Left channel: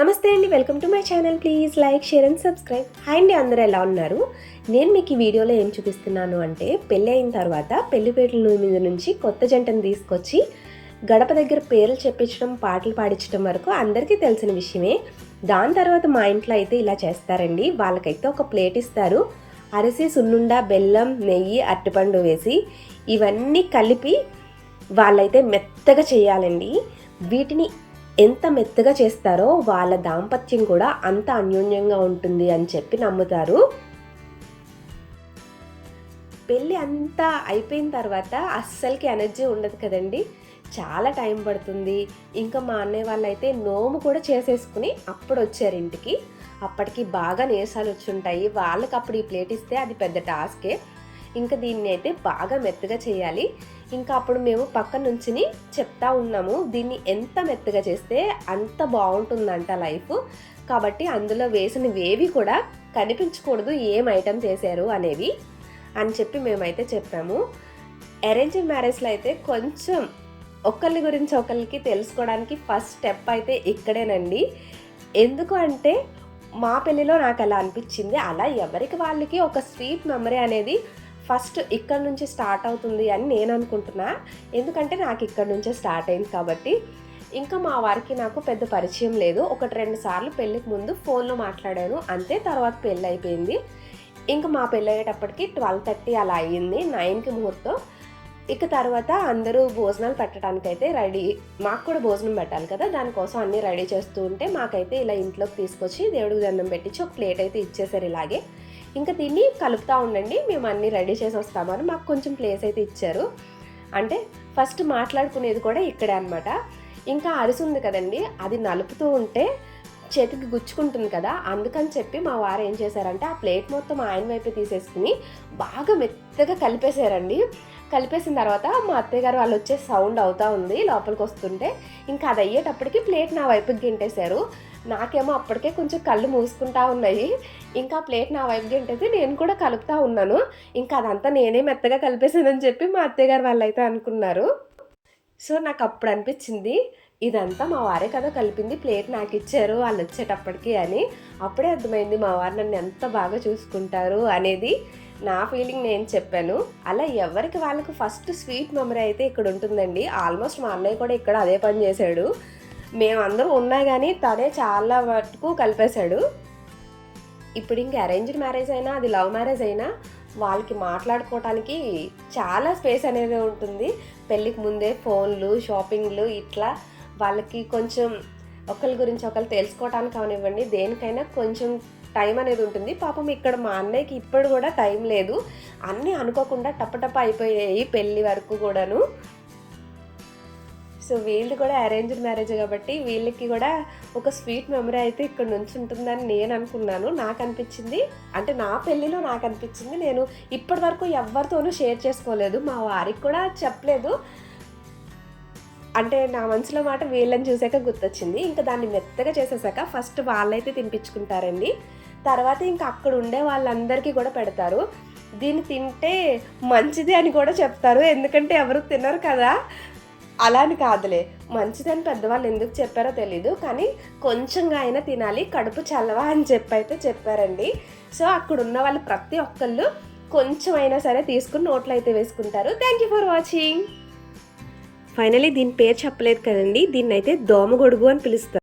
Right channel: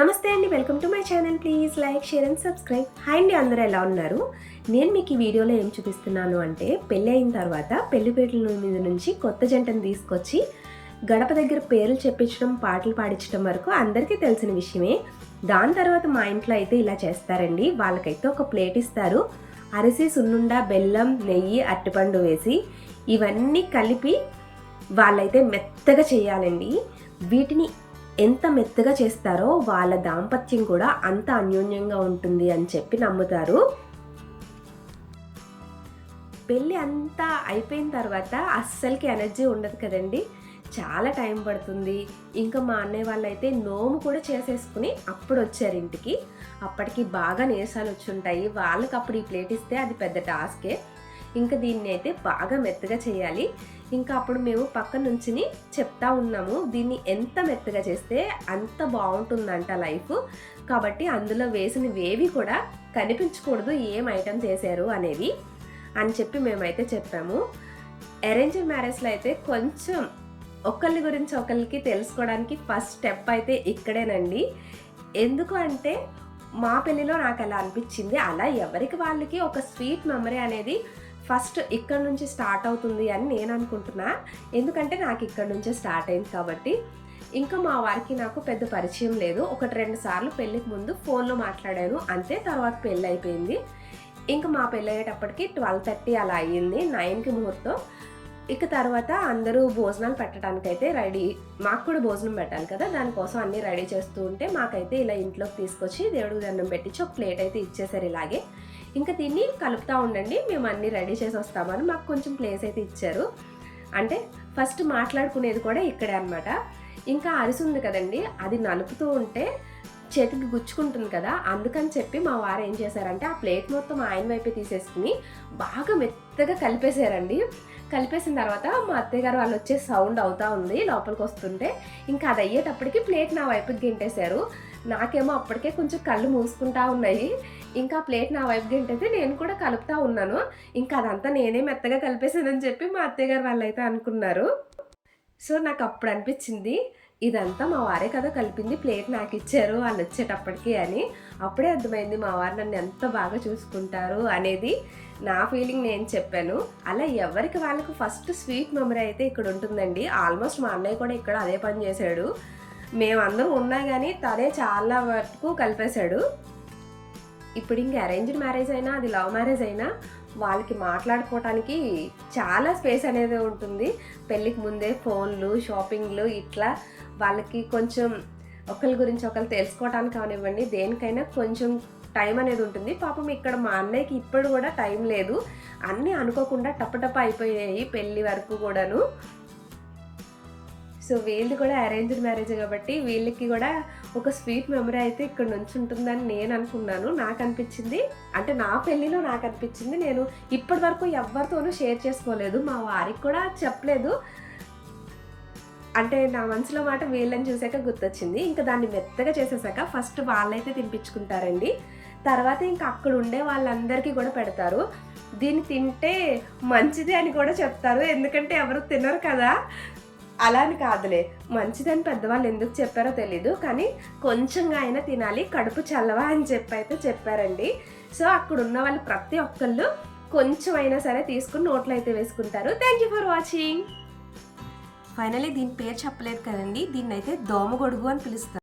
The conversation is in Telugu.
నమస్తే అండి welcome to my channel. Please like share and subscribe. Hi అండి అందరూ ఎలా ఉన్నారు? నేను మీకు ఈ వీడియోలో ఏం చూపిస్తున్నాను అంటే పెళ్ళి అయిన తర్వాత పెళ్ళిపేటల మీద నుంచి కొత్త జంటను తీసుకొచ్చి గడప దగ్గర పేర్లు చెప్పించడం పాటలు పాడించడం వరకు అందరికీ తెలిసిన విషయమే. దాని తర్వాత మా ఇంట్లో అయితే ఇలా చేస్తారండి. వాళ్ళకైతే ఒక ప్లేట్ ఇస్తారు. అరిసి సున్నుండ బెల్లం నెయ్యి అరటిపండు వేసి ఇవన్నీ కలిపి వాళ్ళైతే మెత్తగా చేయాలండి. వీటిని ఎంత మెత్తగా చేస్తారో వాళ్ళ దాంపత్యం కూడా అంత అన్యోన్యంగా ఉంటుంది అని చెప్పి నమ్ముతారు. పెళ్ళి అంతా అయిపోయిన తర్వాత అస్సలకి ఎనర్జీ ఉండదు కదండి. చాలా టైం పడుతుంది. ఇంకా మా అన్నయ్య వాళ్ళు అయితే నోము కూడా చేసేసుకుని అప్పుడు వచ్చారు ఇంటికి. అప్పటికి బాగా నీరసాలు వచ్చి ఉంటాయి. వాళ్ళకి అప్పుడు ఈ ప్లేట్ ఇస్తే అది పెద్ద టాస్కే. ఇంకా దీన్ని అయితే బాగా మెత్తగా చేయాలి. ఇంకా అప్పుడు మేము పక్క నుంచుని చెప్తా ఉన్నాము దీన్ని ఎంత మెత్తగా చేస్తే అంత బాగుంటుందంట లైఫ్. కాబట్టి అందులో వేసినవేవి కూడా కనిపించకూడదు ఏం ఐటెం చేశారు అనేవి అని చెప్పి మేమైతే చెప్పాము. అరేంజ్ మ్యారేజ్లో అయితే కొంచెం ఒకళ్ళ గురించి ఒకళ్ళకి తెలుసుకోవడానికి ఫస్ట్ స్టెప్ అయితే ఇక్కడేనండి. ఎందుకు అంటే మా పెళ్ళిలో నాకు అలా అనిపించింది. అలా ఎవరికి వాళ్ళకి ఒక స్వీట్ మెమరీ అనేది ఫస్ట్ ఇక్కడ నుంచి స్టార్ట్ అవుతుంది అని నేను అనుకుంటున్నా. ఎందుకంటే నాకు ఇక్కడ నుంచే స్టార్ట్ అయింది కాబట్టి. ఇంకా మా వారికి నాకు పెద్ద పరిచయం లేదు. ఒకటి రెండు సార్లు పెళ్ళికి ముందు ఫోన్లో మాట్లాడాను. అంతే తర్వాత పెళ్ళి అయిపోయింది. ఇంకా మా పెళ్ళి అయ్యేటప్పటికి ట్వెల్వ్ థర్టీ అలా అయ్యింది నైన్కి ముహూర్తం. ఇక తర్వాత అందరూ భోజనాలు పెట్టడానికైతే రెడీ. మాకు కూడా భోజనం పెట్టాలి కదా దానికోసం అన్నీ రెడీ చేస్తూ ఉంటే మాకైతే ఇలా ఇంట్లోకి తీసుకొచ్చి దేవుడికి దండం పెట్టించి ఒక ప్లేట్ అయితే ఇచ్చేసారు ఇలాగే. ఇంకా దీన్ని కలుపుతూ ఉండండి. మేము అన్నీ రెడీ చేసి వస్తామని మాకు కొంచెం ప్లేస్ అయితే ఇచ్చారు. అంటే ఫస్ట్ మాట్లాడుకునేది కూడా ఇక్కడే అనమాట ఇంకా అరిసి ఉంది కదండి. అది నలుపుతూ ఉంటే చేతికి గుచ్చుకుంటుంది కదా అందుకని చెప్పి మా వారు ఏం చేశారంటే ఆ ప్లేట్ మొత్తం ఆయన వైపే తీసేసుకుని బాగా మెత్తగా కలిపేశారండి. కలిపేసిన తర్వాత మా అత్తయ్య గారు వాళ్ళు వచ్చే సౌండ్ అవుతా ఉంది లోపలికి వస్తుంటే. ఇంకా అది అయ్యేటప్పటికి ప్లేట్ నా వైపుకి గింటేశారు. నాకేమో అప్పటికే కొంచెం కళ్ళు మూసుకుంటా ఉన్నాయి. ఇంకా ప్లేట్ నా వైపు గింటేసి నేను కూడా కలుపుతా ఉన్నాను. ఇంకా అదంతా నేనే మెత్తగా కలిపేసానని చెప్పి మా అత్తయ్య గారు వాళ్ళు అయితే అనుకున్నారు. సో నాకు అప్పుడు అనిపించింది ఇదంతా మా వారే కదా కలిపింది ప్లేట్ నాకు ఇచ్చారు వాళ్ళు వచ్చేటప్పటికి అని. అప్పుడే అర్థమైంది మా వారు నన్ను ఎంత బాగా చూసుకుంటారు అనేది నా ఫీలింగ్ నేను చెప్పాను. అలా ఎవరికి వాళ్ళకి ఫస్ట్ స్వీట్ మెమరీ అయితే ఇక్కడ ఉంటుందండి. ఆల్మోస్ట్ మా అన్నయ్య కూడా ఇక్కడ అదే పని చేశాడు. మేమందరం ఉన్నా కానీ తనే చాలా వరకు కలిపేశాడు. ఇప్పుడు ఇంక అరేంజ్డ్ మ్యారేజ్ అయినా అది లవ్ మ్యారేజ్ అయినా వాళ్ళకి మాట్లాడుకోవటానికి చాలా స్పేస్ అనేది ఉంటుంది. పెళ్ళికి ముందే ఫోన్లు షాపింగ్లు ఇట్లా వాళ్ళకి కొంచెం ఒకరి గురించి ఒకరు తెలుసుకోవటానికి అవనివ్వండి దేనికైనా కొంచెం టైం అనేది ఉంటుంది. పాపం ఇక్కడ మా అన్నయ్యకి ఇప్పుడు కూడా టైం లేదు. అన్నీ అనుకోకుండా టపటప అయిపోయాయి పెళ్ళి వరకు కూడాను. సో వీళ్ళు కూడా అరేంజ్డ్ మ్యారేజ్ కాబట్టి వీళ్ళకి కూడా ఒక స్వీట్ మెమరీ అయితే ఇక్కడ నుంచి ఉంటుందని నేను అనుకున్నాను. నాకు అనిపించింది. అంటే నా పెళ్ళిలో నాకు అనిపించింది. నేను ఇప్పటి వరకు ఎవరితోనూ షేర్ చేసుకోలేదు. మా వారికి కూడా చెప్పలేదు. అంటే నా మనసులో మాట వీళ్ళని చూసాక గుర్తొచ్చింది. ఇంకా దాన్ని మెత్తగా చేసేసాక ఫస్ట్ వాళ్ళైతే తినిపించుకుంటారండి. తర్వాత ఇంకా అక్కడ ఉండే వాళ్ళందరికీ కూడా పెడతారు. దీన్ని తింటే మంచిది అని కూడా చెప్తారు. ఎందుకంటే ఎవరు తినరు కదా. అలా అని కాదులే. మంచిదని పెద్దవాళ్ళు ఎందుకు చెప్పారో తెలీదు. కానీ కొంచెంగా అయినా తినాలి. కడుపు చల్లవా అని చెప్పి అయితే చెప్పారండి. సో అక్కడ ఉన్న వాళ్ళు ప్రతి ఒక్కళ్ళు కొంచెం అయినా సరే తీసుకుని నోట్లో అయితే వేసుకుంటారు. Thank you for watching finally దీని పేరు చెప్పలేదు కదండి. దీన్ని అయితే దోమగొడుగు అని పిలుస్తారు.